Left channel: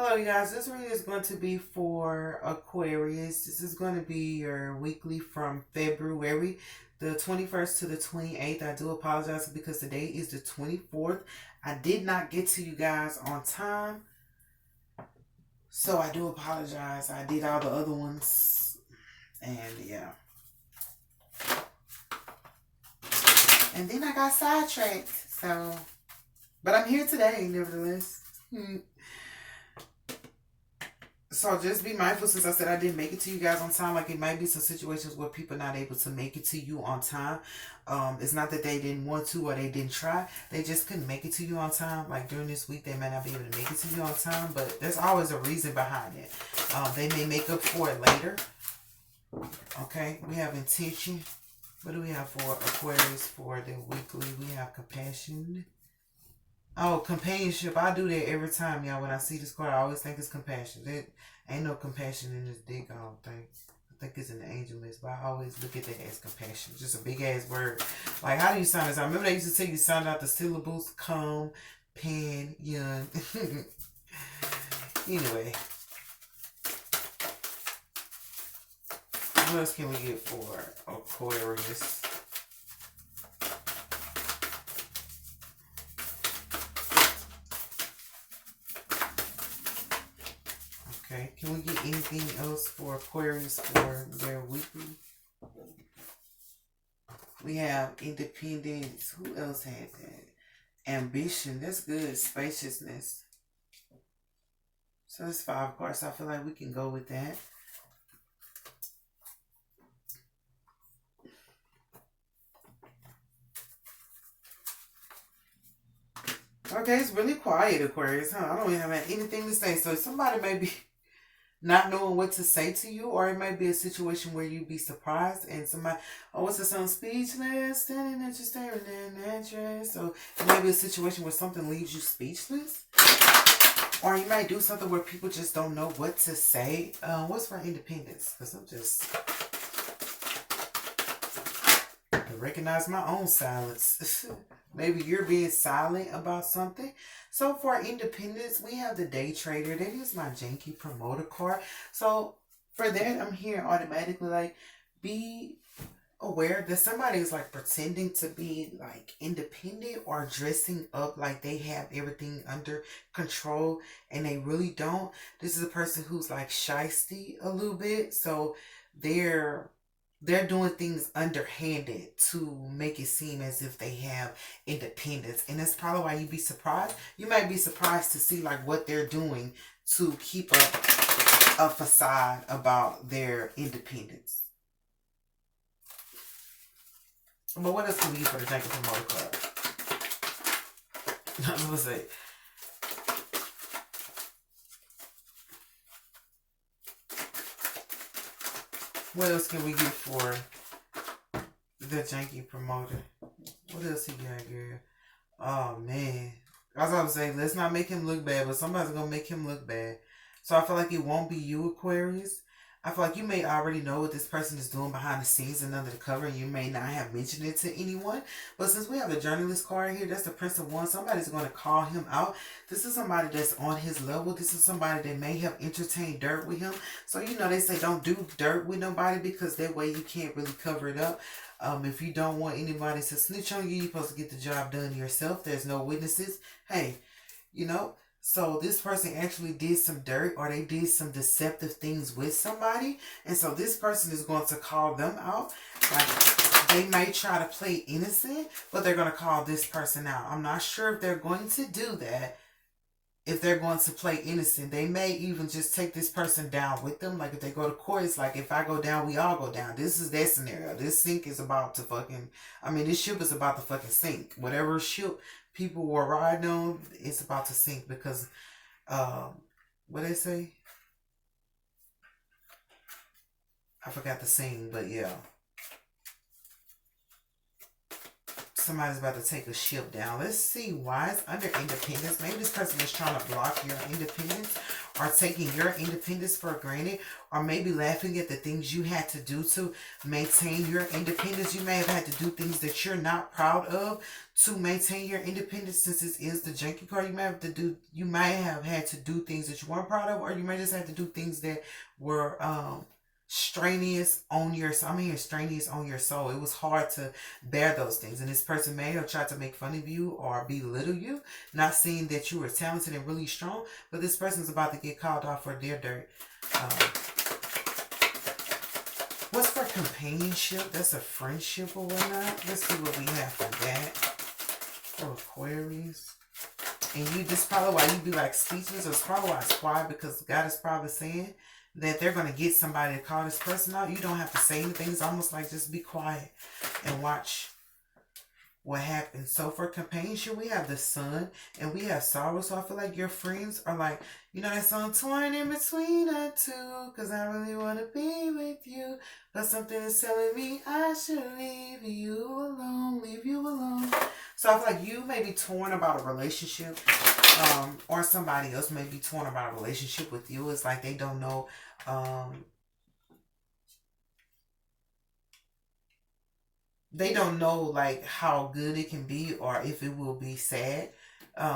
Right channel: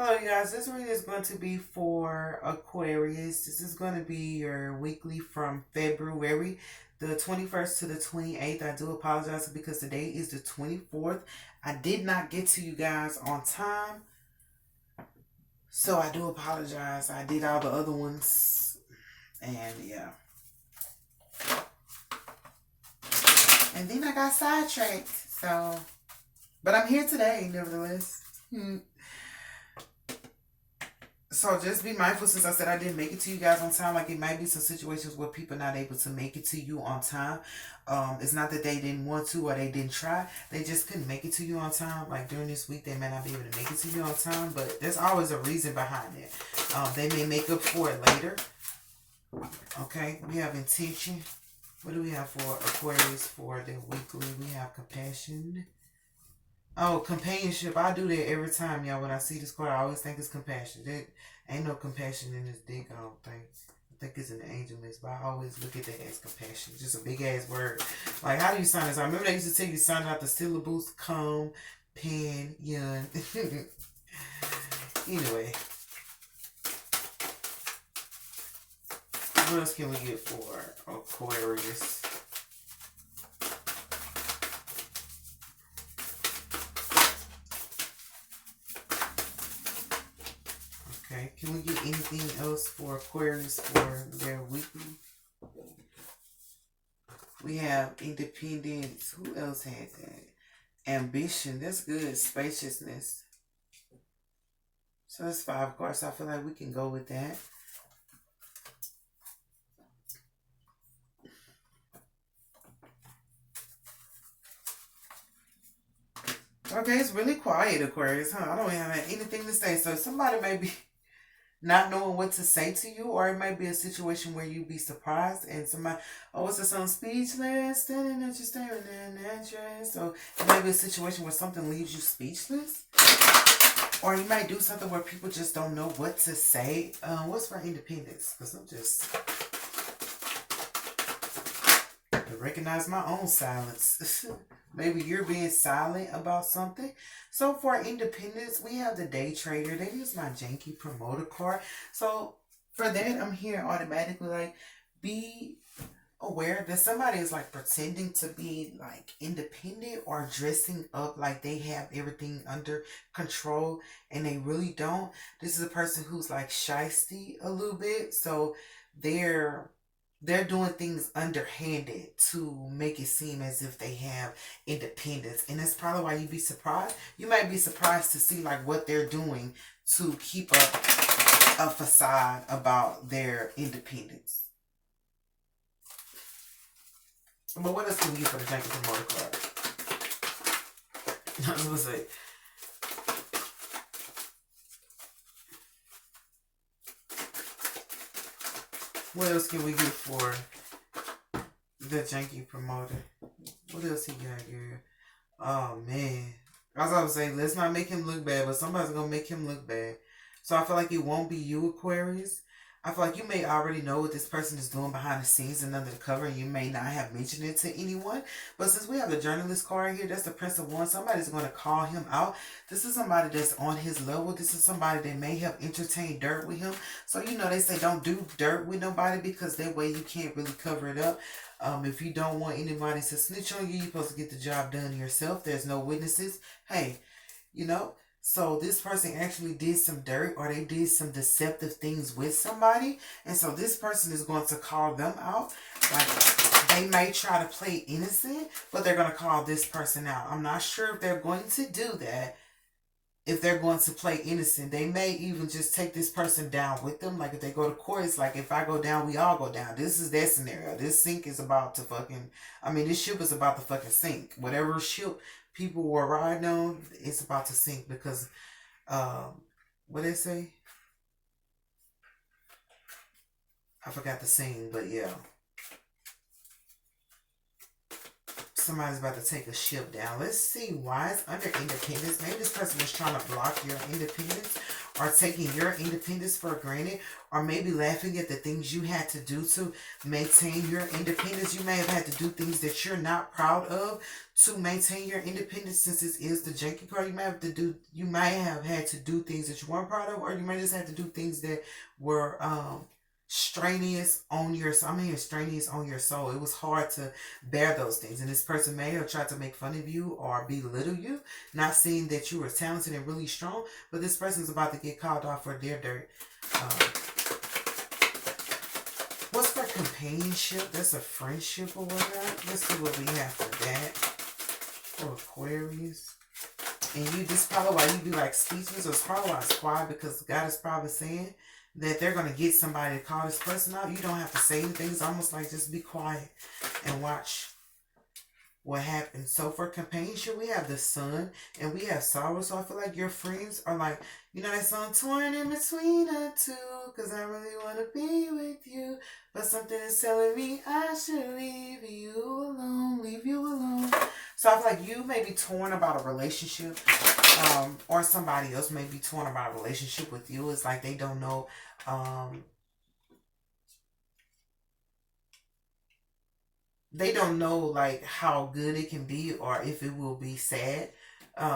Hello, you guys. This reading is going to be for Aquarius. This is going to be your weekly from February the 21st to the 28th. I do apologize because today is the 24th. I did not get to you guys on time, so I do apologize. I did all the other ones, and yeah. And then I got sidetracked, so. But I'm here today, nevertheless. So just be mindful, since I said I didn't make it to you guys on time. Like, it might be some situations where people are not able to make it to you on time. It's not that they didn't want to or they didn't try. They just couldn't make it to you on time. Like during this week, they may not be able to make it to you on time, but there's always a reason behind it. They may make up for it later. Okay, we have intention. What do we have for Aquarius for the weekly? We have compassion. Oh, companionship. I do that every time, y'all. When I see this card, I always think it's compassion. There ain't no compassion in this deck, I don't think. I think it's an angel list, but I always look at that as compassion. Just a big ass word. Like, how do you sign this? I remember they used to tell you sign out the syllables. Come, pen, yun. Anyway. What else can we get for Aquarius? Okay, can we get anything else for Aquarius for their weekly? We have independence. Who else had that? Ambition. That's good. Spaciousness. So that's 5 cards. I feel like we can go with that. Okay, it's really quiet, Aquarius, huh? I don't even have anything to say. So somebody may be not knowing what to say to you, or it might be a situation where you be surprised and somebody, oh, what's the song? Speechless, standing at your staring in that dress. So it might be a situation where something leaves you speechless. Or you might do something where people just don't know what to say. What's for independence? Because I'm just... I recognize my own silence. Maybe you're being silent about something. So for independence, we have the day trader. That is my janky promoter card. So for that, I'm here automatically like, be aware that somebody is like pretending to be like independent or dressing up like they have everything under control and they really don't. This is a person who's like shysty a little bit. So they're doing things underhanded to make it seem as if they have independence. And that's probably why you'd be surprised. You might be surprised to see like what they're doing to keep up a facade about their independence. But what else can we use for the Janky Promoter card? I was going to say. What else can we get for the Janky Promoter? What else he got here? Oh, man. As I was saying, let's not make him look bad, but somebody's going to make him look bad. So I feel like it won't be you, Aquarius. I feel like you may already know what this person is doing behind the scenes and under the cover, and you may not have mentioned it to anyone. But since we have the journalist card here, that's the Prince of Wands. Somebody's going to call him out. This is somebody that's on his level. This is somebody that may have entertained dirt with him. So, you know, they say don't do dirt with nobody because that way you can't really cover it up. If you don't want anybody to snitch on you, you're supposed to get the job done yourself. There's no witnesses. Hey, you know. So this person actually did some dirt or they did some deceptive things with somebody. And so this person is going to call them out. Like, they may try to play innocent, but they're going to call this person out. I'm not sure if they're going to do that. If they're going to play innocent, they may even just take this person down with them. Like if they go to court, it's like if I go down, we all go down. This is their scenario. This sink is about to fucking, this ship is about to fucking sink. Whatever ship people were riding on, it's about to sink because, what they say? I forgot the scene, but yeah. Somebody's about to take a ship down. Let's see why it's under independence. Maybe this person is trying to block your independence. are taking your independence for granted, or maybe laughing at the things you had to do to maintain your independence. You may have had to do things that you're not proud of to maintain your independence. Since this is the Janky card, you might have had to do things that you weren't proud of, or you might just have to do things that were strenuous on your strenuous on your soul. It was hard to bear those things, and this person may have tried to make fun of you or belittle you, not seeing that you were talented and really strong. But this person's about to get called off for their dirt. What's for companionship? That's a friendship or whatnot. Let's see what we have for that. For Aquarius. And this is probably why you be like speechless, or it's probably why it's quiet, because God is probably saying that they're going to get somebody to call this person out. You don't have to say anything. It's almost like just be quiet and watch what happens. So for companionship, we have the Sun and we have sorrow. So I feel like your friends are like, you know that song, torn in between the two, because I really want to be with you, but something is telling me I should leave you alone. So I feel like you may be torn about a relationship, or somebody else may be torn about a relationship with you. It's like they don't know, like how good it can be, or if it will be sad.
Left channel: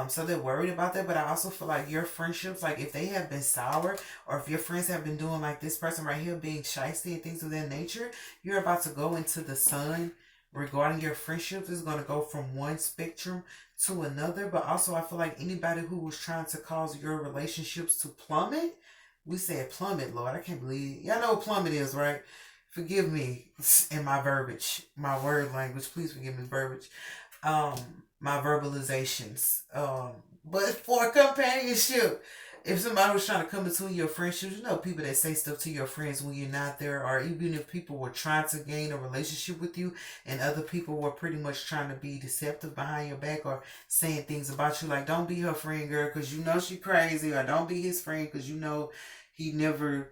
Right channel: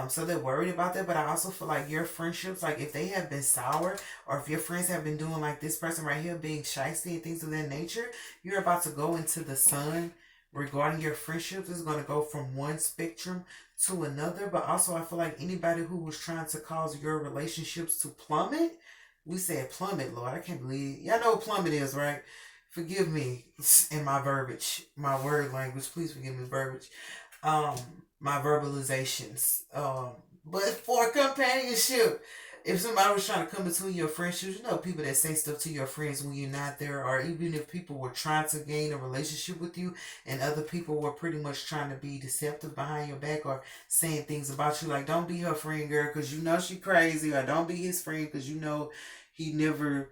So they're worried about that. But I also feel like your friendships, like if they have been sour, or if your friends have been doing like this person right here, being shysty and things of that nature, you're about to go into the Sun regarding your friendships. Is going to go from one spectrum to another. But also I feel like anybody who was trying to cause your relationships to plummet, we said plummet, Lord, I can't believe, y'all know what plummet is, right? Forgive me in my verbiage, my word language. Please forgive me verbiage. My verbalizations. But for companionship, if somebody was trying to come between your friendships, you know, people that say stuff to your friends when you're not there, or even if people were trying to gain a relationship with you and other people were pretty much trying to be deceptive behind your back, or saying things about you like, don't be her friend, girl, because you know she crazy, or don't be his friend because you know he never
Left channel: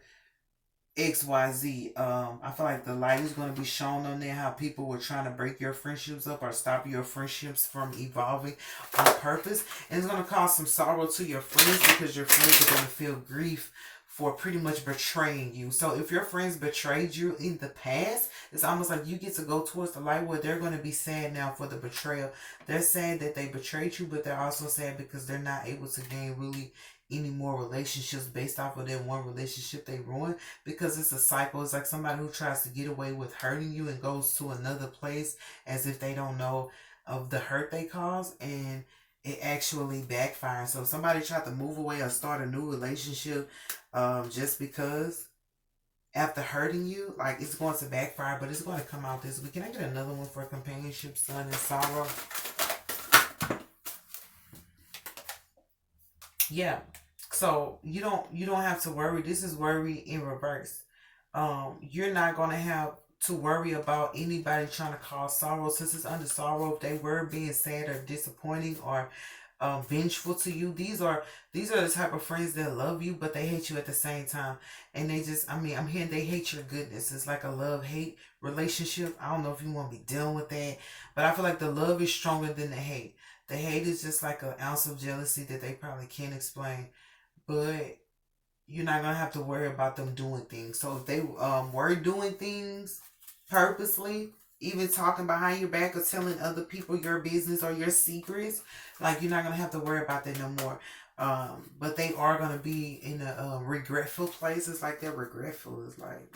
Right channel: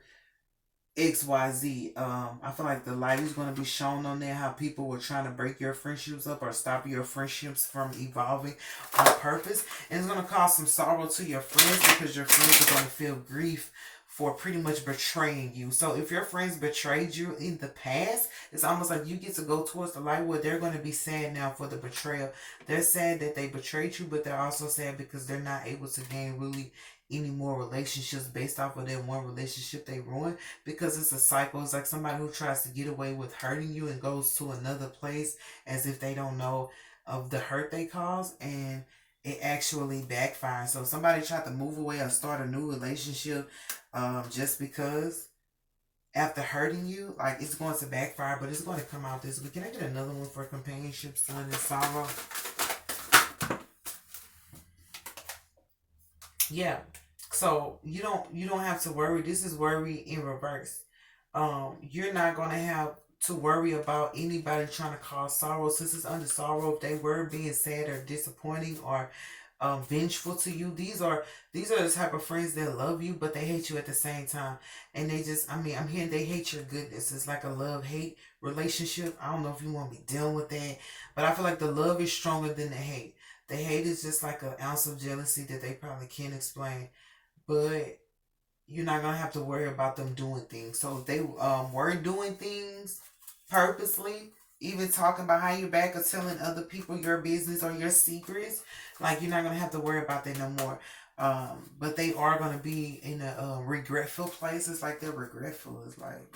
XYZ. I feel like the light is going to be shown on there, how people were trying to break your friendships up or stop your friendships from evolving on purpose. And it's going to cause some sorrow to your friends, because your friends are going to feel grief for pretty much betraying you. So if your friends betrayed you in the past, it's almost like you get to go towards the light, where they're going to be sad now for the betrayal. They're sad that they betrayed you, but they're also sad because they're not able to gain really any more relationships based off of that one relationship they ruined, because it's a cycle. It's like somebody who tries to get away with hurting you and goes to another place as if they don't know of the hurt they caused, and it actually backfires. So if somebody tried to move away or start a new relationship just because after hurting you, like, it's going to backfire, but it's going to come out this week. Can I get another one for companionship, Sun and sorrow? Yeah. So you don't have to worry. This is worry in reverse. You're not gonna have to worry about anybody trying to cause sorrow. Since it's under sorrow, if they were being sad or disappointing or vengeful to you, these are the type of friends that love you, but they hate you at the same time. And they just, I'm hearing they hate your goodness. It's like a love-hate relationship. I don't know if you want to be dealing with that, but I feel like the love is stronger than the hate. The hate is just like an ounce of jealousy that they probably can't explain. But you're not going to have to worry about them doing things. So if they were doing things purposely, even talking behind your back or telling other people your business or your secrets, like, you're not going to have to worry about that no more. But they are going to be in a regretful place. It's like they're regretful. It's like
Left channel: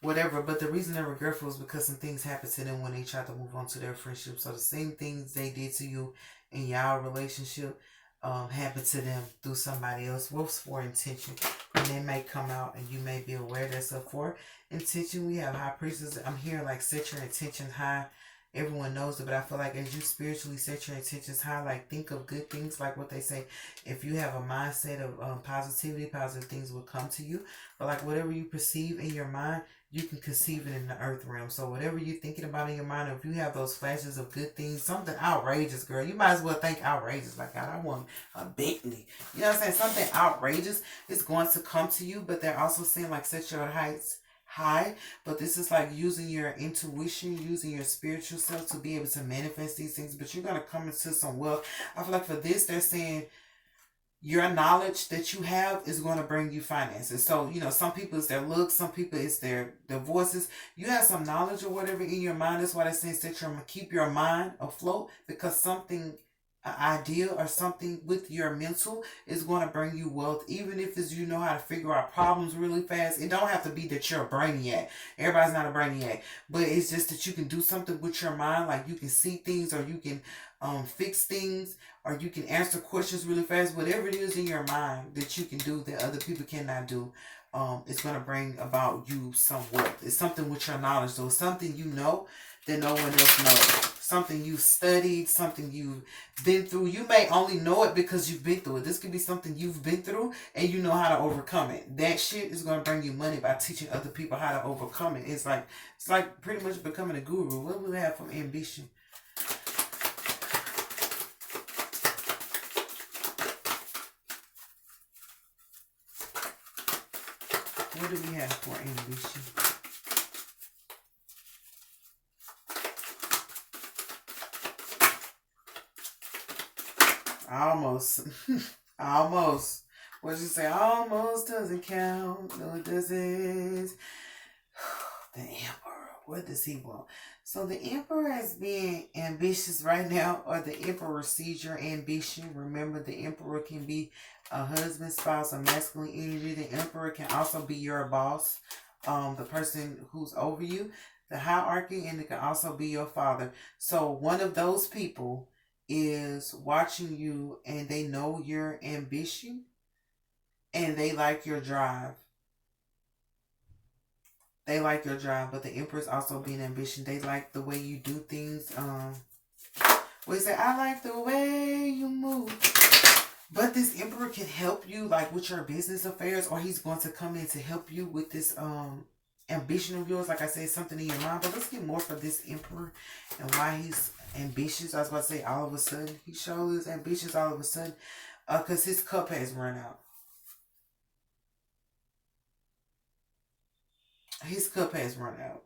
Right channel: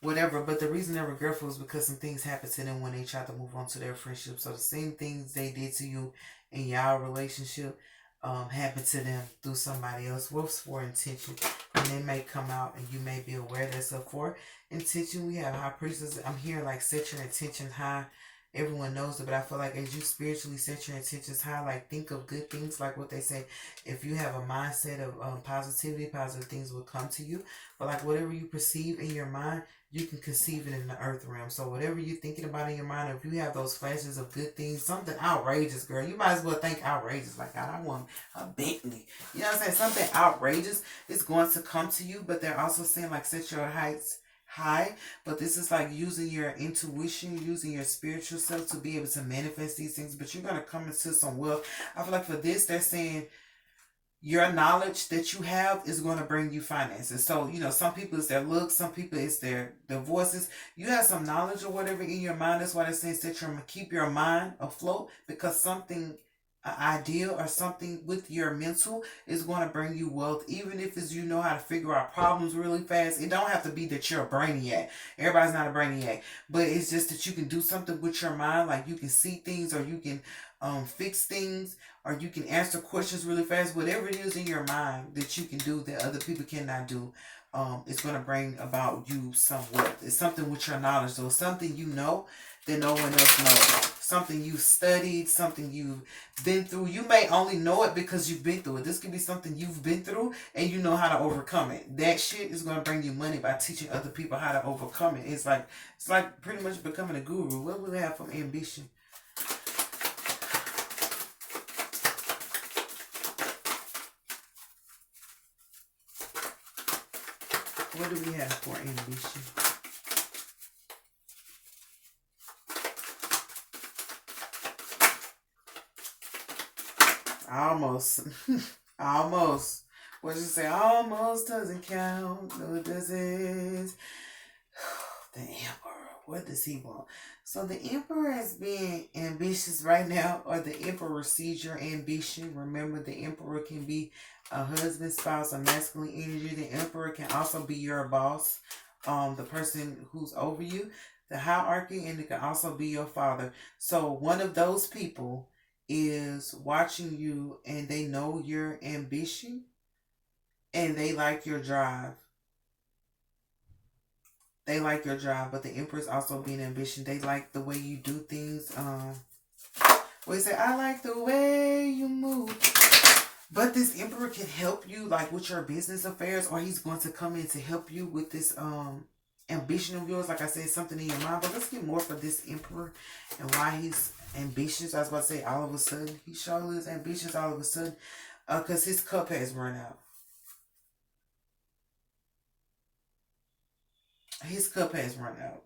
whatever. But the reason they're regretful is because some things happened to them when they tried to move on to their friendship. So the same things they did to you in y'all relationship happen to them through somebody else. What's for intention? And they may come out and you may be aware that's up for intention. We have high priestess. I'm here like set your intentions high. Everyone knows it, but I feel like as you spiritually set your intentions high, like think of good things, like what they say. If you have a mindset of positivity, positive things will come to you. But like whatever you perceive in your mind, you can conceive it in the earth realm. So whatever you're thinking about in your mind, or if you have those flashes of good things, something outrageous, girl, you might as well think outrageous. Like, God, I want a Bentley. You know what I'm saying? Something outrageous is going to come to you, but they're also saying like set your heights high. But this is like using your intuition, using your spiritual self to be able to manifest these things. But you're going to come into some wealth. I feel like for this, they're saying your knowledge that you have is going to bring you finances. So, some people it's their looks, some people it's their voices. You have some knowledge or whatever in your mind. That's why that says that you're going to keep your mind afloat, because something, an idea or something with your mental is going to bring you wealth. Even if it's you know how to figure out problems really fast. It don't have to be that you're a brainiac. Everybody's not a brainiac. But it's just that you can do something with your mind. Like you can see things, or you can fix things, or you can answer questions really fast. Whatever it is in your mind that you can do that other people cannot do, it's going to bring about you some wealth. It's something with your knowledge. So it's something you know that no one else knows. Something you've studied, something you've been through. You may only know it because you've been through it. This could be something you've been through and you know how to overcome it. That shit is going to bring you money by teaching other people how to overcome it. It's like pretty much becoming a guru. What do we have from ambition? What do we have for ambition? Almost. Almost. What you say? Almost doesn't count. No, it doesn't. The Emperor. What does he want? So the Emperor is being ambitious right now, or the Emperor sees your ambition. Remember, the Emperor can be a husband, spouse, a masculine energy. The Emperor can also be your boss, the person who's over you, the hierarchy, and it can also be your father. So one of those people is watching you, and they know your ambition, and they like your drive. They like your drive, but the Empress also being ambition. They like the way you do things. We say, I like the way you move. But this Emperor can help you like with your business affairs, or he's going to come in to help you with this ambition of yours. Like I said, something in your mind. But let's get more for this Emperor and why he's ambitious. I was about to say all of a sudden. He surely is ambitious all of a sudden. Because his cup has run out. His cup has run out.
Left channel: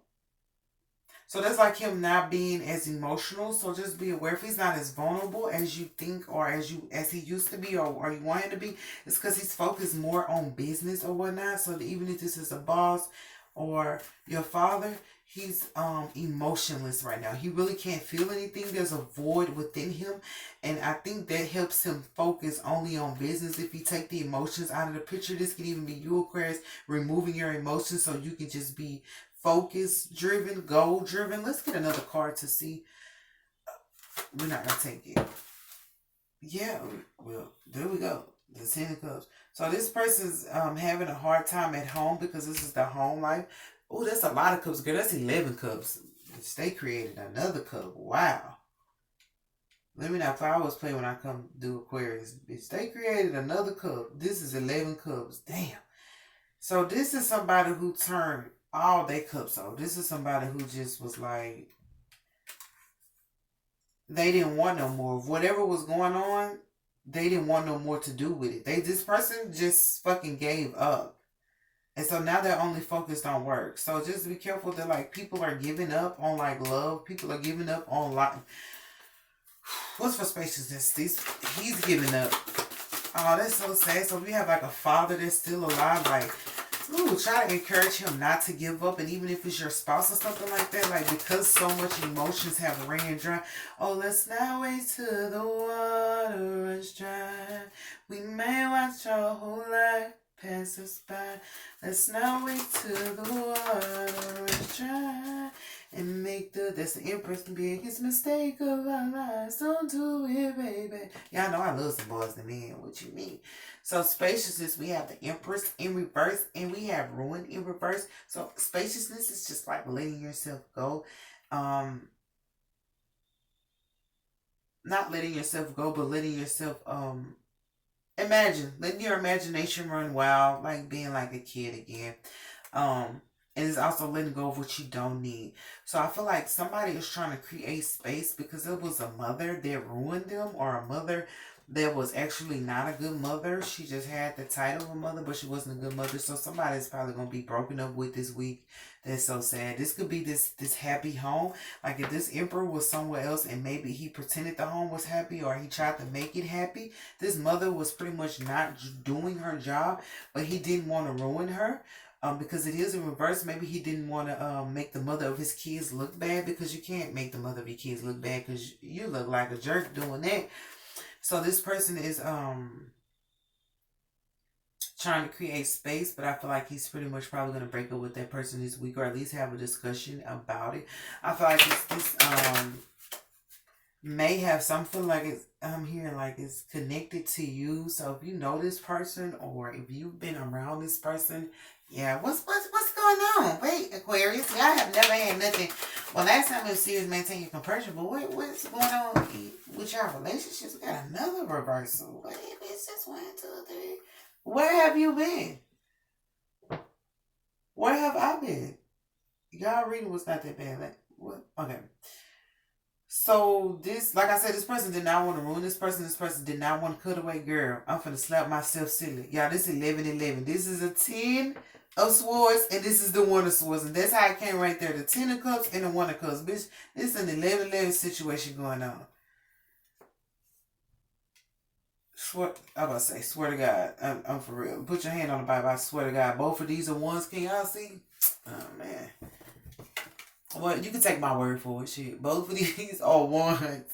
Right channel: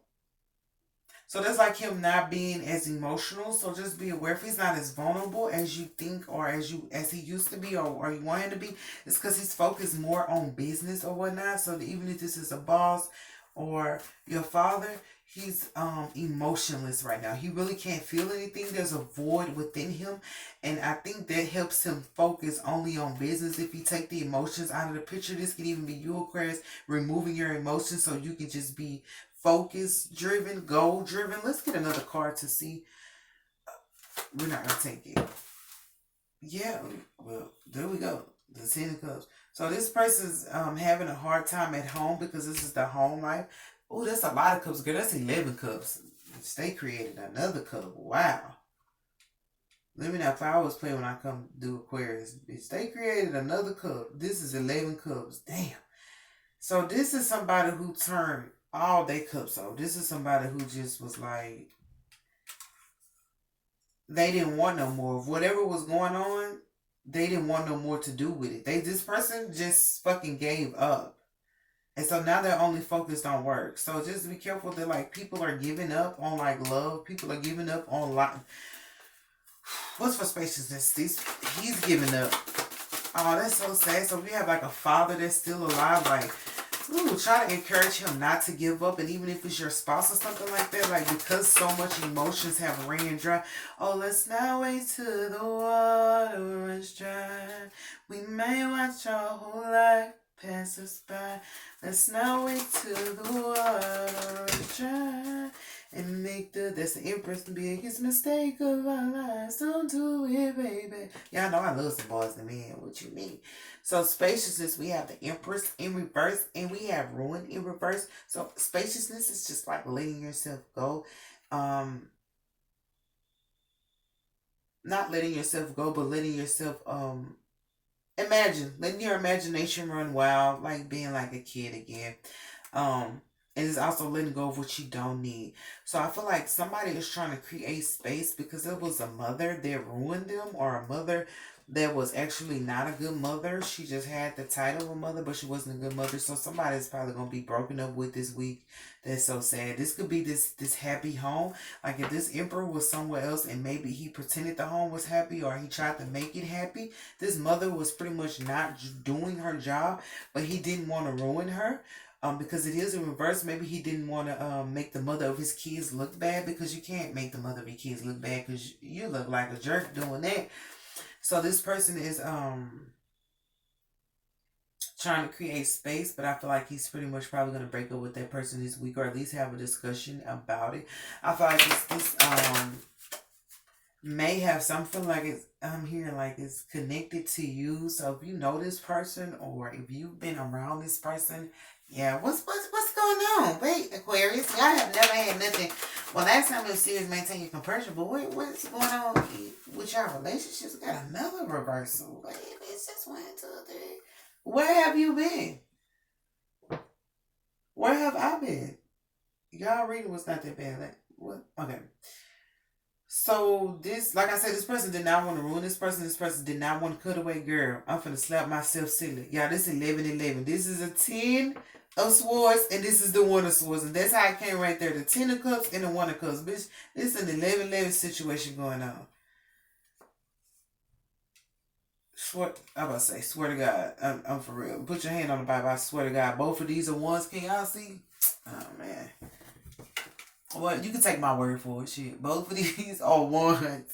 So that's like him not being as emotional. So just be aware, if he's not as vulnerable as you think, or as he used to be, or you want him to be, it's because he's focused more on business or whatnot. So that even if this is a boss or your father, he's emotionless right now. He really can't feel anything. There's a void within him. And I think that helps him focus only on business. If you take the emotions out of the picture, this could even be you, Aquarius, removing your emotions so you can just be focus driven, goal driven. Let's get another card to see. We're not gonna take it. Yeah, well, there we go. The Ten of Cups. So this person's having a hard time at home because this is the home life. Oh, that's a lot of cups, girl. That's 11 cups. They created another cup. Wow. Let me know if I always play when I come do Aquarius. Bitch, they created another cup. This is 11 cups. Damn. So this is somebody who turned all their cups off. This is somebody who just was like, they didn't want no more. Whatever was going on, they didn't want no more to do with it. This person just fucking gave up. And so now they're only focused on work. So just be careful that like people are giving up on like love. People are giving up on like, what's for spaciousness? He's giving up. Oh, that's so sad. So we have like a father that's still alive. Like, ooh, try to encourage him not to give up. And even if it's your spouse or something like that, like because so much emotions have ran dry. Oh, let's not wait till the water runs dry. We may watch our whole life pass us by. Let's not wait till the water runs dry. And make that's the Empress, the biggest mistake of our lives. Don't do it, baby. Y'all know I love some boys and men. What you mean? So spaciousness, we have the Empress in reverse, and we have ruin in reverse. So spaciousness is just like letting yourself go. Not letting yourself go, but letting yourself letting your imagination run wild, like being like a kid again. And it's also letting go of what you don't need. So I feel like somebody is trying to create space because it was a mother that ruined them, or a mother that was actually not a good mother. She just had the title of a mother, but she wasn't a good mother. So somebody's probably gonna be broken up with this week. That's so sad. This could be this happy home. Like if this emperor was somewhere else and maybe he pretended the home was happy or he tried to make it happy. This mother was pretty much not doing her job, but he didn't want to ruin her. Because it is in reverse. Maybe he didn't want to make the mother of his kids look bad, because you can't make the mother of your kids look bad because you look like a jerk doing that. So this person is trying to create space, but I feel like he's pretty much probably going to break up with that person this week, or at least have a discussion about it. I feel like this may have something like it's, I'm hearing like it's connected to you. So if you know this person or if you've been around this person, yeah, what's going on? Wait, Aquarius, y'all have never had nothing. Well, last time it was serious, maintain your composure, but what's going on with your relationships? We got another reversal. Wait, it's just 1, 2, 3. Where have you been? Where have I been? Y'all reading was not that bad. Like, what? Okay. So this, like I said, this person did not want to ruin this person. This person did not want to cut away. Girl, I'm finna slap myself silly. Y'all, this is 11-11. This is a 10 of swords, and this is the 1 of swords. And that's how it came right there. The 10 of cups and the 1 of cups. Bitch, this is an 11-11 situation going on. I'm about to say, swear to God. I'm for real. Put your hand on the Bible. I swear to God. Both of these are ones. Can y'all see? Oh, man. Well, you can take my word for it, shit. Both of these are 1s.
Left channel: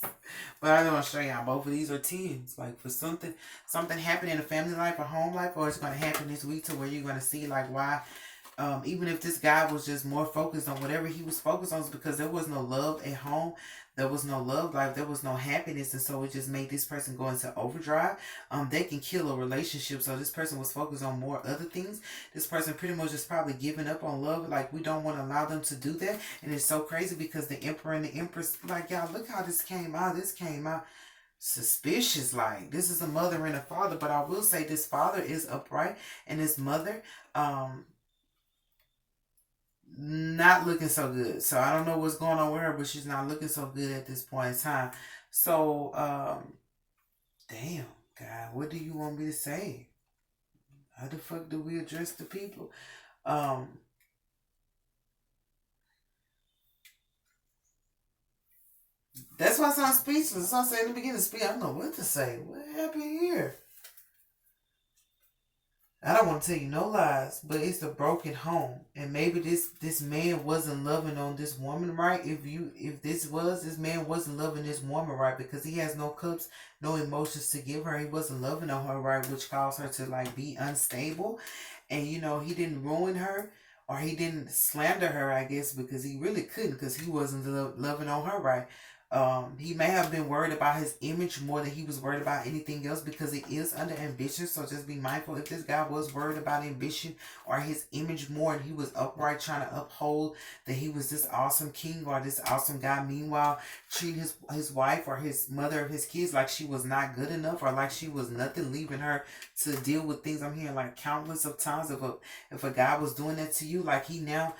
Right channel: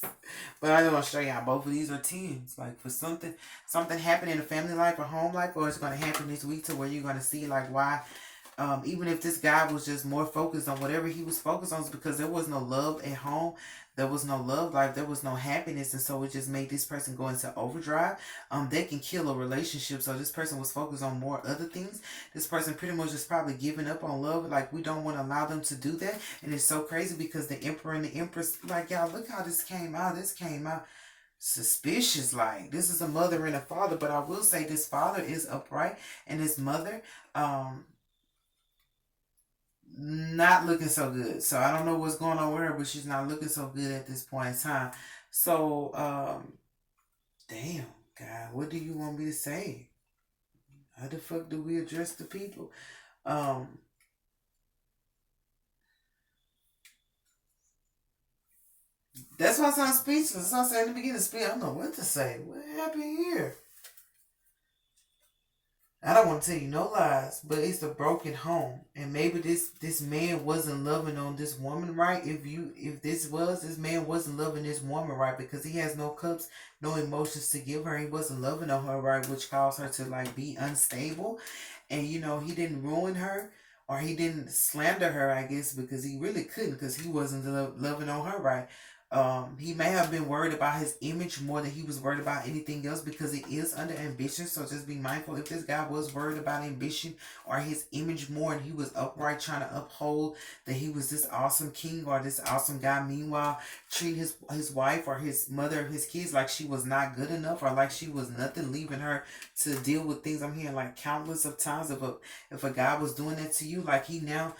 But I'm going to show y'all both of these are 10s. Like, for something happening in a family life or home life, or it's going to happen this week to where you're going to see, like, why. Even if this guy was just more focused on whatever he was focused on, because there was no love at home. There was no love life. There was no happiness. And so it just made this person go into overdrive. They can kill a relationship. So this person was focused on more other things. This person pretty much is probably giving up on love. Like, we don't want to allow them to do that. And it's so crazy because the emperor and the empress, like, y'all, look how this came out. This came out suspicious. Like, this is a mother and a father. But I will say this father is upright. And this mother, not looking so good. So I don't know what's going on with her, but she's not looking so good at this point in time. So damn, God, what do you want me to say? How the fuck do we address the people? That's why I sound speechless. I said in the beginning of speech, I don't know what to say. What happened here? I don't want to tell you no lies, but it's a broken home, and maybe this man wasn't loving on this woman right. If this man wasn't loving this woman right, because he has no cups, no emotions to give her. He wasn't loving on her right, which caused her to like be unstable, and he didn't ruin her or he didn't slander her, I guess, because he really couldn't, because he wasn't loving on her right. He may have been worried about his image more than he was worried about anything else, because it is under ambition. So just be mindful, if this guy was worried about ambition or his image more, and he was upright trying to uphold that he was this awesome king or this awesome guy, meanwhile treating his wife or his mother of his kids like she was not good enough or like she was nothing, leaving her to deal with things. I'm hearing like countless of times, if a guy was doing that to you, like he no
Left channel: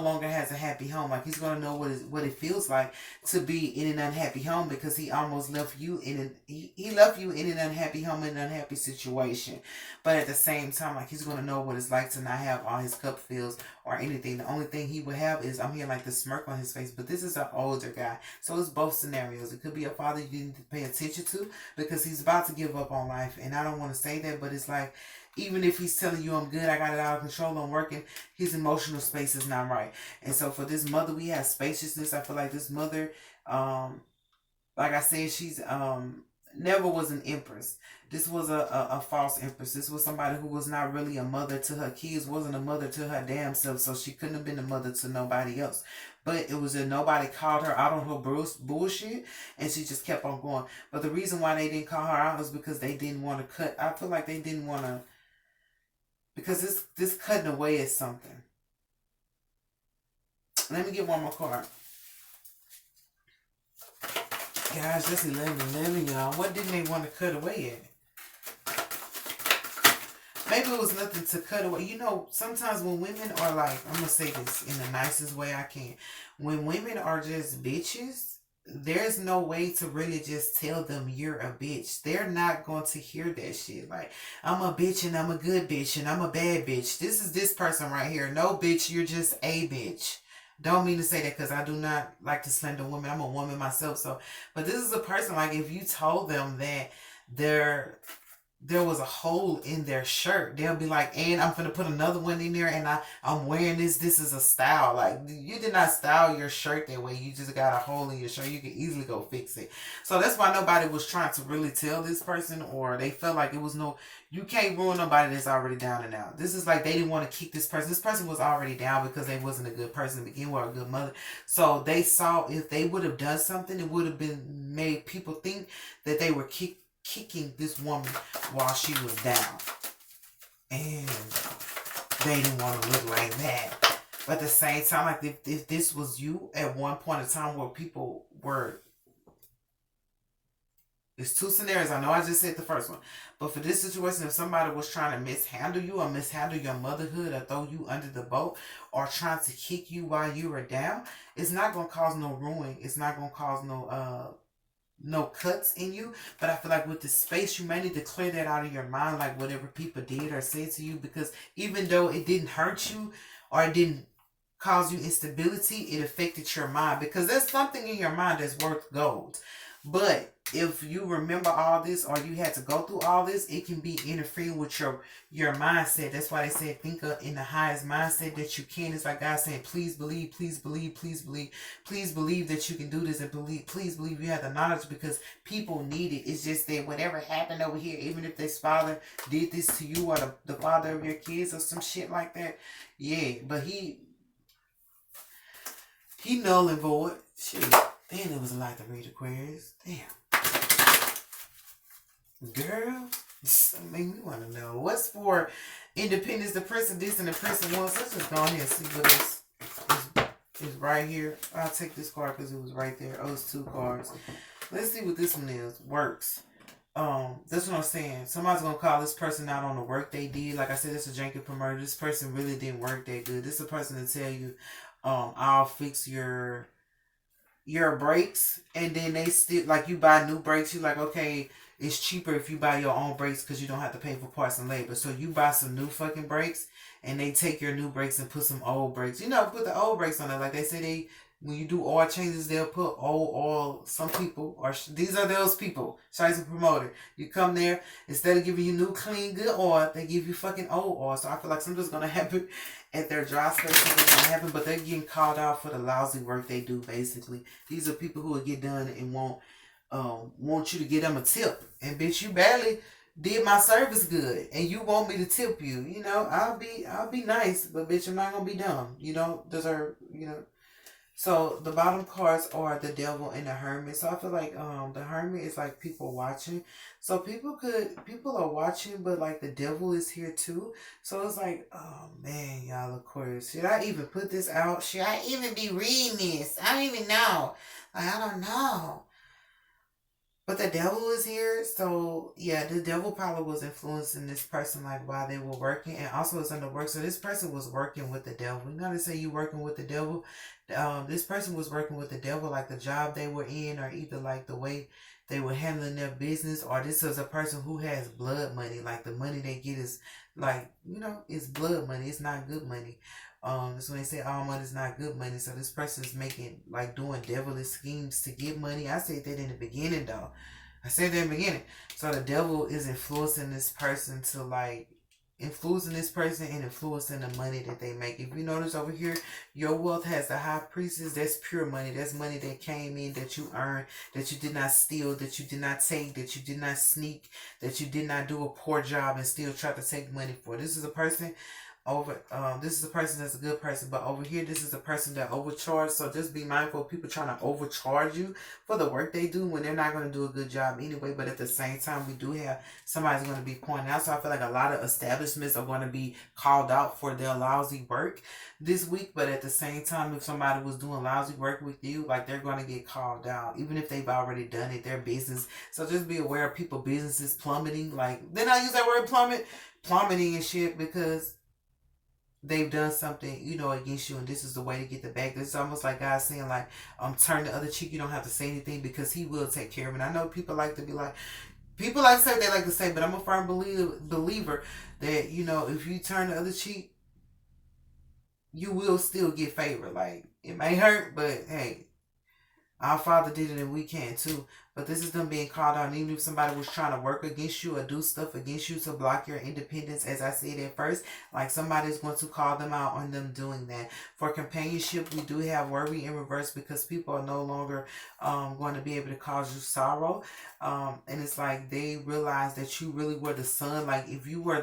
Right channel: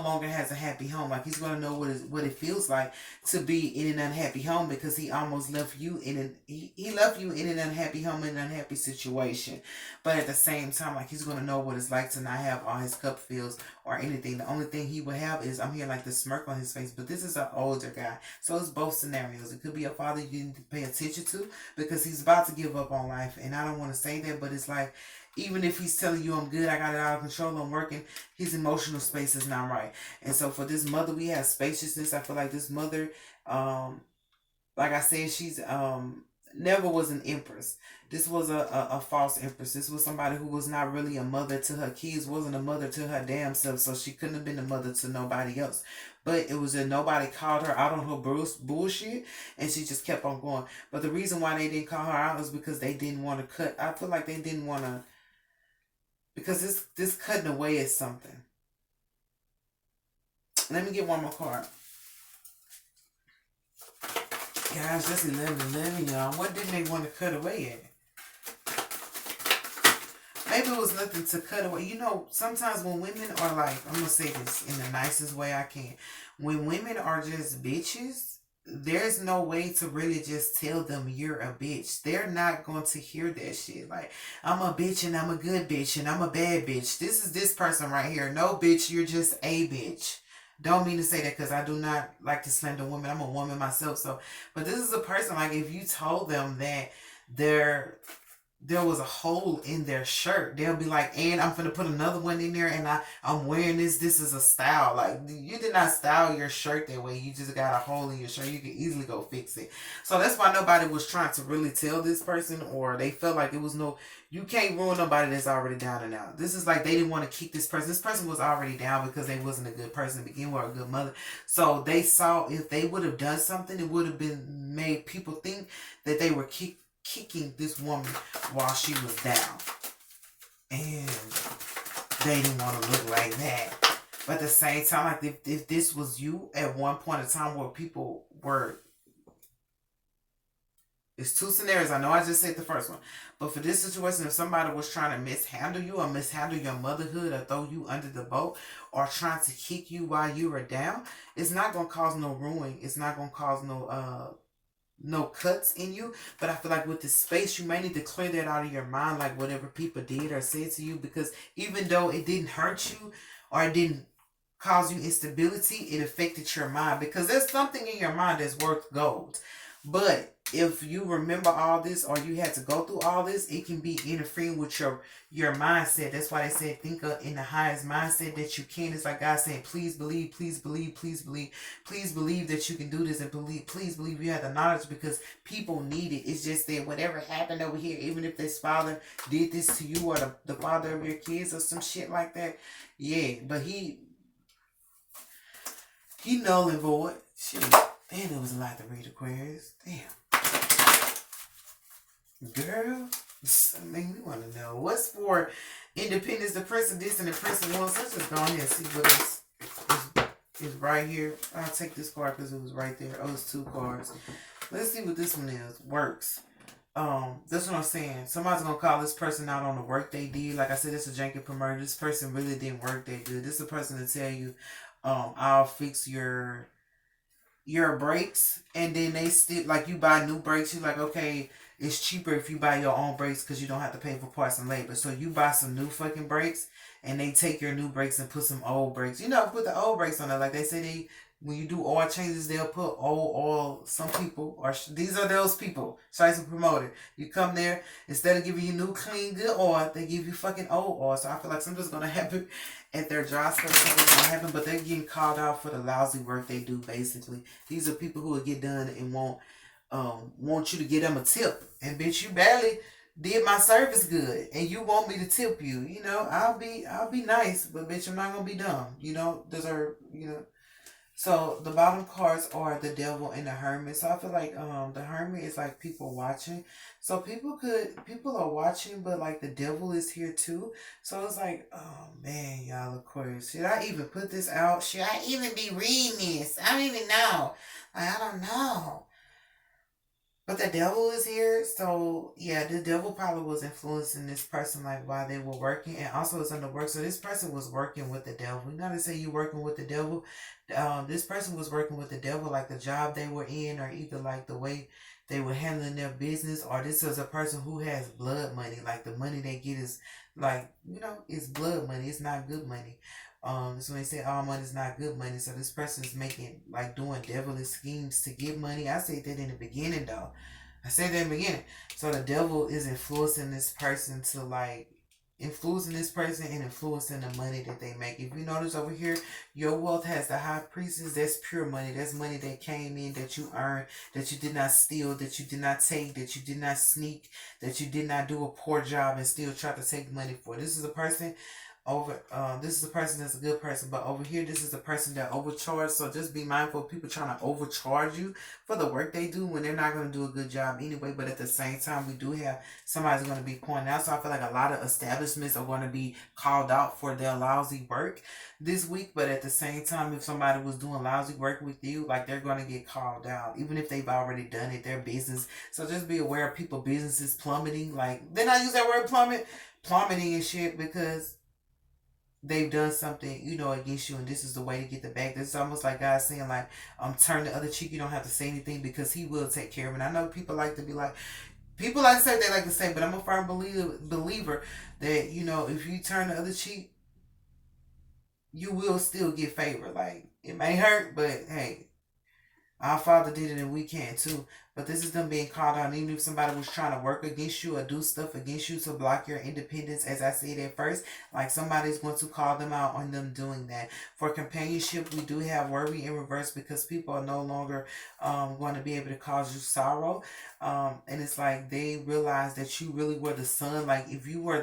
longer has a happy home. Like, he's gonna know what it feels like to be in an unhappy home, because he almost left you he left you in an unhappy home, in an unhappy situation. But at the same time, like, he's gonna know what it's like to not have all his cup fills or anything. The only thing he would have is, I'm hearing like the smirk on his face. But this is an older guy, so it's both scenarios. It could be a father you didn't pay attention to because he's about to give up on life, and I don't want to say that, but it's like, even if he's telling you I'm good, I got it out of control, I'm working, his emotional space is not right. And so for this mother, we have spaciousness. I feel like this mother, like I said, she's never was an empress. This was a false empress. This was somebody who was not really a mother to her kids, wasn't a mother to her damn self, so she couldn't have been a mother to nobody else. But it was that nobody called her out on her bullshit, and she just kept on going. But the reason why they didn't call her out is because they didn't want to cut. I feel like they didn't want to, because this cutting away is something. Let me get one more card. Guys, that's 11-11, y'all. What didn't they want to cut away at? Maybe it was nothing to cut away. Sometimes when women are like, I'm going to say this in the nicest way I can. When women are just bitches, there's no way to really just tell them you're a bitch. They're not going to hear that shit. Like, I'm a bitch and I'm a good bitch and I'm a bad bitch. This is this person right here. No, bitch, you're just a bitch. Don't mean to say that because I do not like to slander women. I'm a woman myself. So, but this is a person, like, if you told them that they're there was a hole in their shirt, they'll be like, and I'm gonna put another one in there, and I'm wearing this. This is a style. Like, you did not style your shirt that way. You just got a hole in your shirt. You can easily go fix it. So that's why nobody was trying to really tell this person, or they felt like it was no. You can't ruin nobody that's already down and out. This is like they didn't want to kick this person. This person was already down because they wasn't a good person to begin with, or a good mother. So they saw if they would have done something, it would have been made people think that they were kicking this woman while she was down. And they didn't want to look like that. But at the same time, like if this was you at one point in time where people were, it's two scenarios. I know I just said the first one. But for this situation, if somebody was trying to mishandle you or mishandle your motherhood or throw you under the boat or trying to kick you while you were down, it's not going to cause no ruin. It's not going to cause no cuts in you. But I feel like with the space, you may need to clear that out of your mind, like whatever people did or said to you, because even though it didn't hurt you or it didn't cause you instability, it affected your mind, because there's something in your mind that's worth gold. But if you remember all this or you had to go through all this, it can be interfering with your mindset. That's why they said think in the highest mindset that you can. It's like God saying, please believe, please believe, please believe, please believe that you can do this, and please believe you have the knowledge, because people need it. It's just that whatever happened over here, even if this father did this to you or the father of your kids or some shit like that, yeah, but he null and void. Shit. Damn, it was a lot to read, Aquarius. Damn. Girl, that make me want to know. What's for independence, the Prince of this and the Prince of Wands? Let's just go ahead and see what is right here. I'll take this card because it was right there. Oh, it's two cards. Let's see what this one is. Works. That's what I'm saying. Somebody's gonna call this person out on the work they did. Like I said, this is a janky promoter. This person really didn't work that good. This is a person to tell you, I'll fix your brakes, and then they still, like, you buy new brakes, you like, okay, it's cheaper if you buy your own brakes because you don't have to pay for parts and labor. So you buy some new fucking brakes, and they take your new brakes and put some old brakes. You know, put the old brakes on there. Like they say, when you do oil changes, they'll put old oil. Some people, or these are those people. Shice a promoter. You come there, instead of giving you new, clean, good oil, they give you fucking old oil. So I feel like something's gonna happen at their job space. Something's gonna happen, but they're getting called out for the lousy work they do. Basically, these are people who will get done and want you to give them a tip. And bitch, you barely did my service good, and you want me to tip you. You know, I'll be nice, but bitch, I'm not gonna be dumb. You don't deserve. You know. So the bottom cards are the Devil and the Hermit. So I feel like the Hermit is like people watching. So people are watching, but like the Devil is here too. So it's like, oh man, y'all, Aquarius, should I even put this out? Should I even be reading this? I don't even know. Like, I don't know. But the Devil is here, so yeah, the Devil probably was influencing this person, like, while they were working, and also it's under work. So this person was working with the Devil. You know, they say you working with the Devil. This person was working with the Devil, like the job they were in, or either like the way they were handling their business, or this is a person who has blood money. Like the money they get is like, you know, it's blood money. It's not good money. That's when they say all money is not good money. So this person is making, like, doing devilish schemes to get money. I said that in the beginning, though. I said that in the beginning. So the devil is influencing this person to, like, influencing this person and influencing the money that they make. If you notice over here, your wealth has the high priestess. That's pure money. That's money that came in, that you earned, that you did not steal, that you did not take, that you did not sneak, that you did not do a poor job and still try to take money for. This is a person this is a person that's a good person, but over here this is a person that overcharged. So just be mindful of people trying to overcharge you for the work they do when they're not going to do a good job anyway. But at the same time, we do have somebody's going to be pointing out. So I feel like a lot of establishments are going to be called out for their lousy work this week. But at the same time, if somebody was doing lousy work with you, like, they're going to get called out, even if they've already done it, their business. So just be aware of people businesses plummeting. Like, then I use that word plummeting and shit, because they've done something, you know, against you, and this is the way to get the back. This is almost like God saying, like, turn the other cheek. You don't have to say anything because He will take care of it. And I know people like to be like, people like to say what they like to say, but I'm a firm believer that, you know, if you turn the other cheek, you will still get favor. Like, it may hurt, but hey, our Father did it and we can too. But this is them being called out. And even if somebody was trying to work against you or do stuff against you to block your independence, as I said at first, like somebody's going to call them out on them doing that. For companionship, we do have worry in reverse because people are no longer going to be able to cause you sorrow. And it's like they realize that you really were the son. Like if you were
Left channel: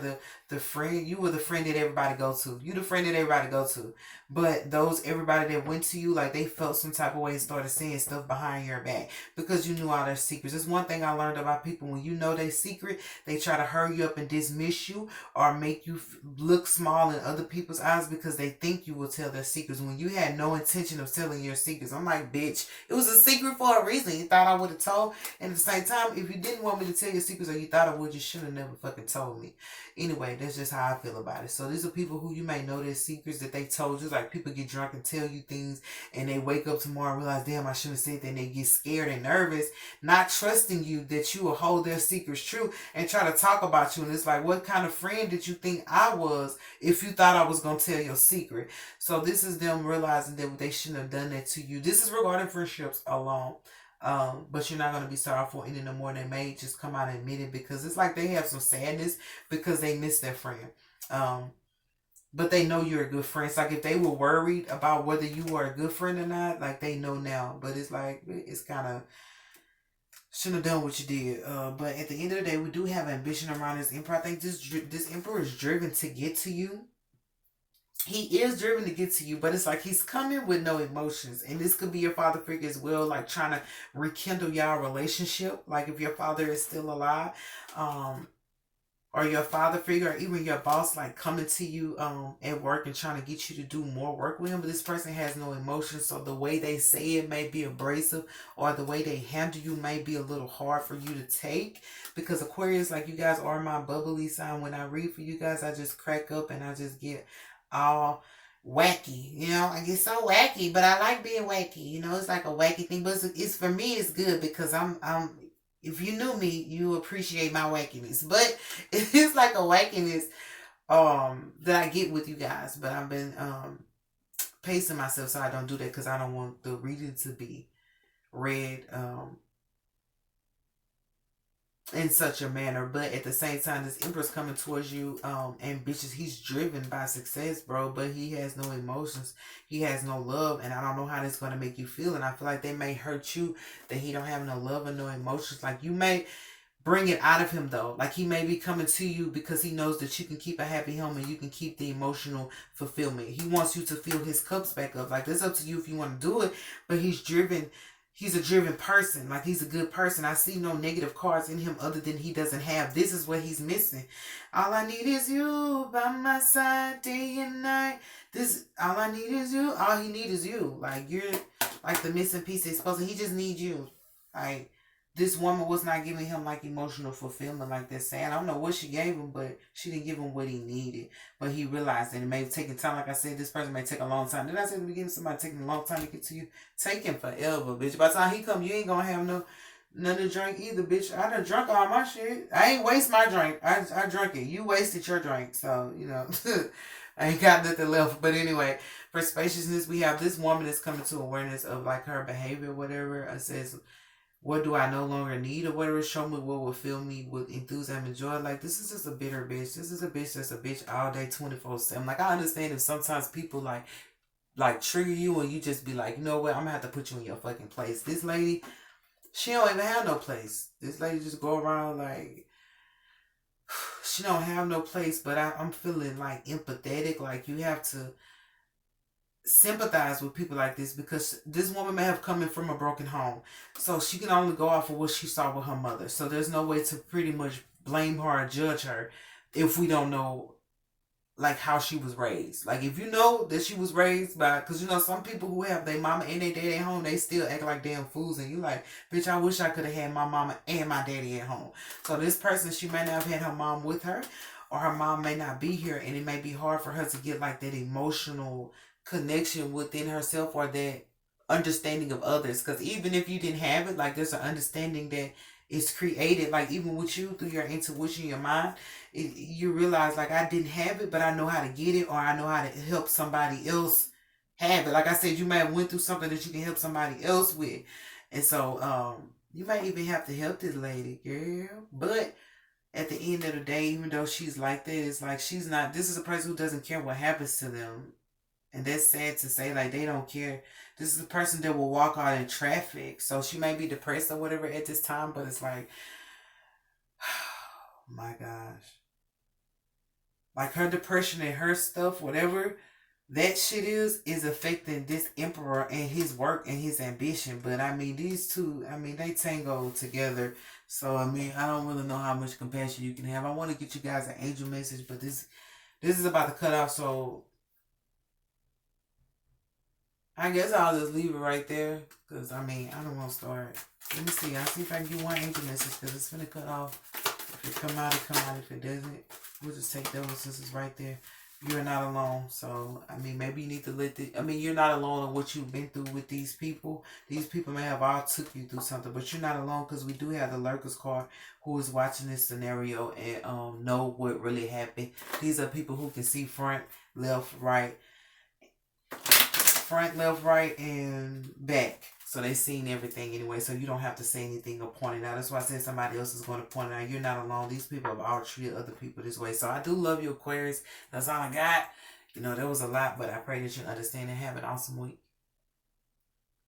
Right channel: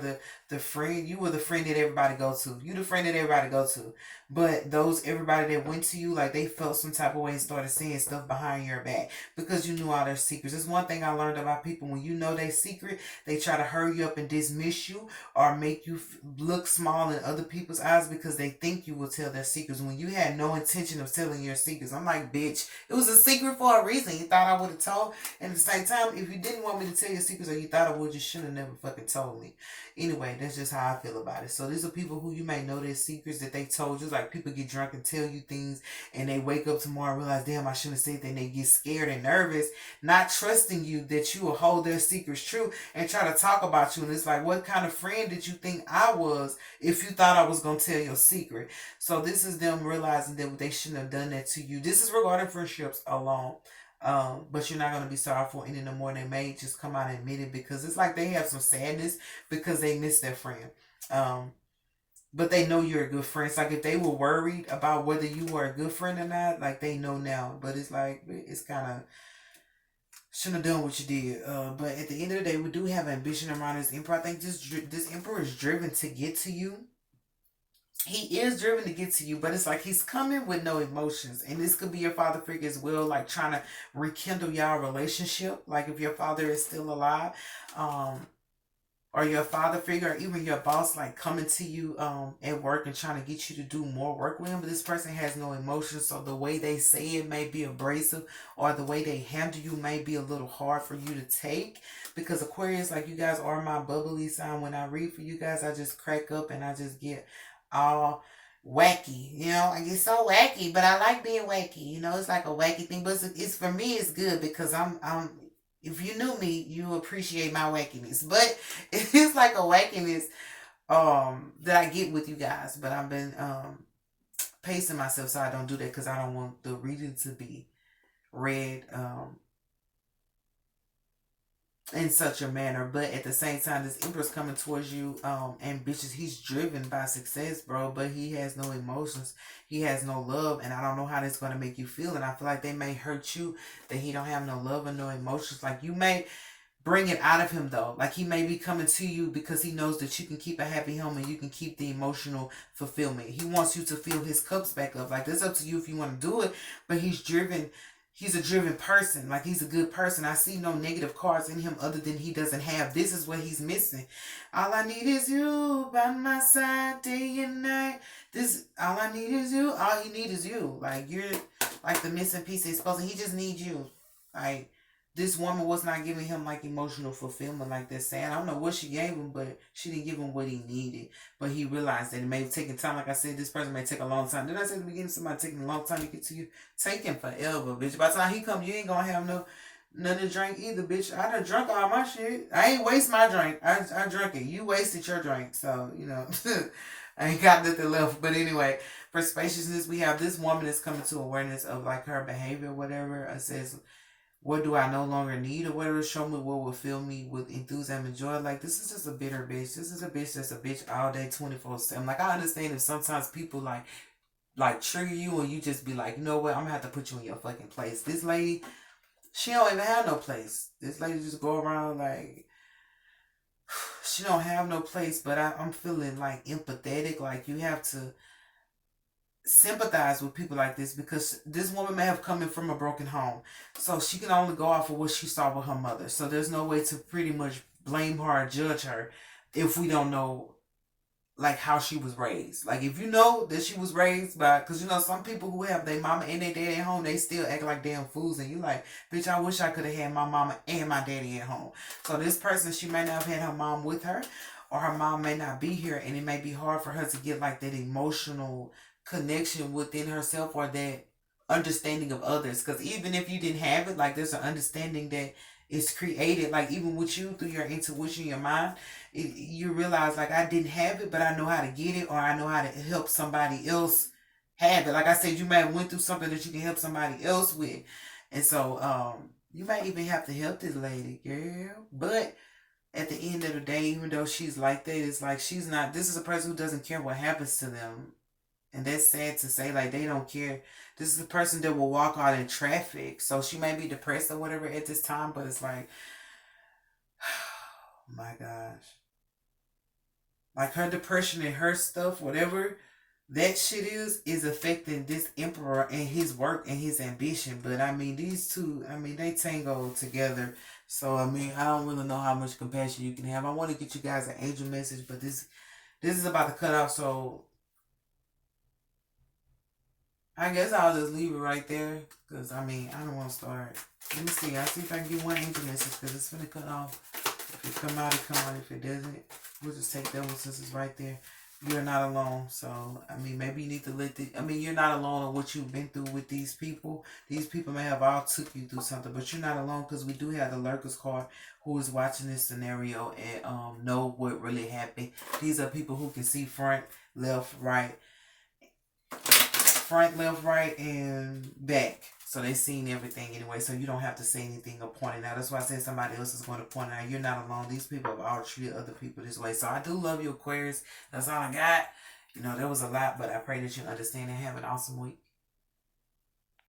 the friend, you were the friend that everybody go to. You the friend that everybody go to. But those everybody that went to you, like they felt some type of way and started saying stuff behind your back because you knew all their secrets. It's one thing I learned about people. When you know their secret, they try to hurry you up and dismiss you or make you look small in other people's eyes because they think you will tell their secrets when you had no intention of telling your secrets. I'm like, bitch, it was a secret for a reason. You thought I would have told. And at the same time, if you didn't want me to tell your secrets or you thought I would, you should have never fucking told me. Anyway, that's just how I feel about it. So these are people who you may know their secrets that they told you. Like people get drunk and tell you things and they wake up tomorrow and realize, damn, I shouldn't have said that. And they get scared and nervous, not trusting you that you will hold their secrets true and try to talk about you. And it's like, what kind of friend did you think I was if you thought I was going to tell your secret? So this is them realizing that they shouldn't have done that to you. This is regarding friendships alone. But you're not going to be sorrowful any no more. They may just come out and admit it because it's like they have some sadness because they miss their friend. But they know you're a good friend. It's like if they were worried about whether you were a good friend or not, like they know now. But it's like, it's kind of, shouldn't have done what you did. But at the end of the day, we do have ambition around this emperor. I think this emperor is driven to get to you. He is driven to get to you, but it's like he's coming with no emotions. And this could be your father figure as well, like trying to rekindle y'all relationship. Like if your father is still alive, or your father figure, or even your boss, like coming to you at work and trying to get you to do more work with him. But this person has no emotions, so the way they say it may be abrasive, or the way they handle you may be a little hard for you to take. Because Aquarius, like you guys are my bubbly sign. When I read for you guys, I just crack up and I just get all wacky, you know. I get so wacky, but I like being wacky, you know. It's like a wacky thing, but it's for me it's good because I'm if you knew me you appreciate my wackiness, but it's like a wackiness that I get with you guys. But I've been pacing myself so I don't do that because I don't want the reading to be read in such a manner. But at the same time, this emperor's coming towards you ambitious. He's driven by success, bro, but he has no emotions. He has no love, and I don't know how that's going to make you feel. And I feel like they may hurt you that he don't have no love and no emotions. Like you may bring it out of him though. Like he may be coming to you because he knows that you can keep a happy home and you can keep the emotional fulfillment. He wants you to fill his cups back up. Like it's up to you if you want to do it, but he's driven. He's a driven person. Like he's a good person. I see no negative cards in him other than he doesn't have. This is what he's missing. All I need is you by my side day and night. This all I need is you. All he need is you. Like you're like the missing piece he's supposed to. He just needs you. Like this woman was not giving him like emotional fulfillment like that. Saying I don't know what she gave him, but she didn't give him what he needed. But he realized that it may have taken time. Like I said, this person may take a long time. Did I say at the beginning somebody taking a long time to get to you? Taking forever, bitch. By the time he come, you ain't gonna have none to drink either, bitch. I done drunk all my shit. I ain't waste my drink. I drank it. You wasted your drink. So, you know, I ain't got nothing left. But anyway, for spaciousness, we have this woman that's coming to awareness of like her behavior, whatever. It says, what do I no longer need or whatever? Show me what will fill me with enthusiasm and joy. Like, this is just a bitter bitch. This is a bitch that's a bitch all day, 24/7. Like, I understand if sometimes people, like trigger you and you just be like, you know what? I'm going to have to put you in your fucking place. This lady, she don't even have no place. This lady just go around like, she don't have no place. But I'm feeling, like, empathetic. Like, you have to sympathize with people like this because this woman may have come in from a broken home, so she can only go off of what she saw with her mother. So there's no way to pretty much blame her or judge her if we don't know like how she was raised. Like if you know that she was raised by, because you know some people who have their mama and their daddy at home, they still act like damn fools, and you like, bitch, I wish I could have had my mama and my daddy at home. So this person, she may not have had her mom with her, or her mom may not be here, and it may be hard for her to get like that emotional connection within herself or that understanding of others. Because even if you didn't have it, like there's an understanding that is created, like even with you through your intuition, your mind, you realize like I didn't have it, but I know how to get it, or I know how to help somebody else have it. Like I said, you may have went through something that you can help somebody else with, and so you might even have to help this lady, girl. But at the end of the day, even though she's like that, it's like she's not. This is a person who doesn't care what happens to them. And that's sad to say, like, they don't care. This is a person that will walk out in traffic. So she may be depressed or whatever at this time, but it's like, oh my gosh. Like her depression and her stuff, whatever that shit is affecting this emperor and his work and his ambition. But I mean, these two, I mean, they tango together. So I mean, I don't really know how much compassion you can have. I want to get you guys an angel message, but this is about to cut off. So I guess I'll just leave it right there. Because, I mean, I don't want to start. Let me see. I'll see if I can get one angel message. Because it's going to cut off. If it come out, it come out. If it doesn't, we'll just take that one since it's right there. You're not alone. So, I mean, maybe you need to let the... I mean, you're not alone on what you've been through with these people. These people may have all took you through something. But you're not alone because we do have the Lurkers card who is watching this scenario and know what really happened. These are people who can see front, left, right. Front, left, right, and back. So they seen everything anyway. So you don't have to say anything or point it out. That's why I said somebody else is going to point it out. You're not alone. These people have all treated other people this way. So I do love you, Aquarius. That's all I got. You know, there was a lot, but I pray that you understand and have an awesome week.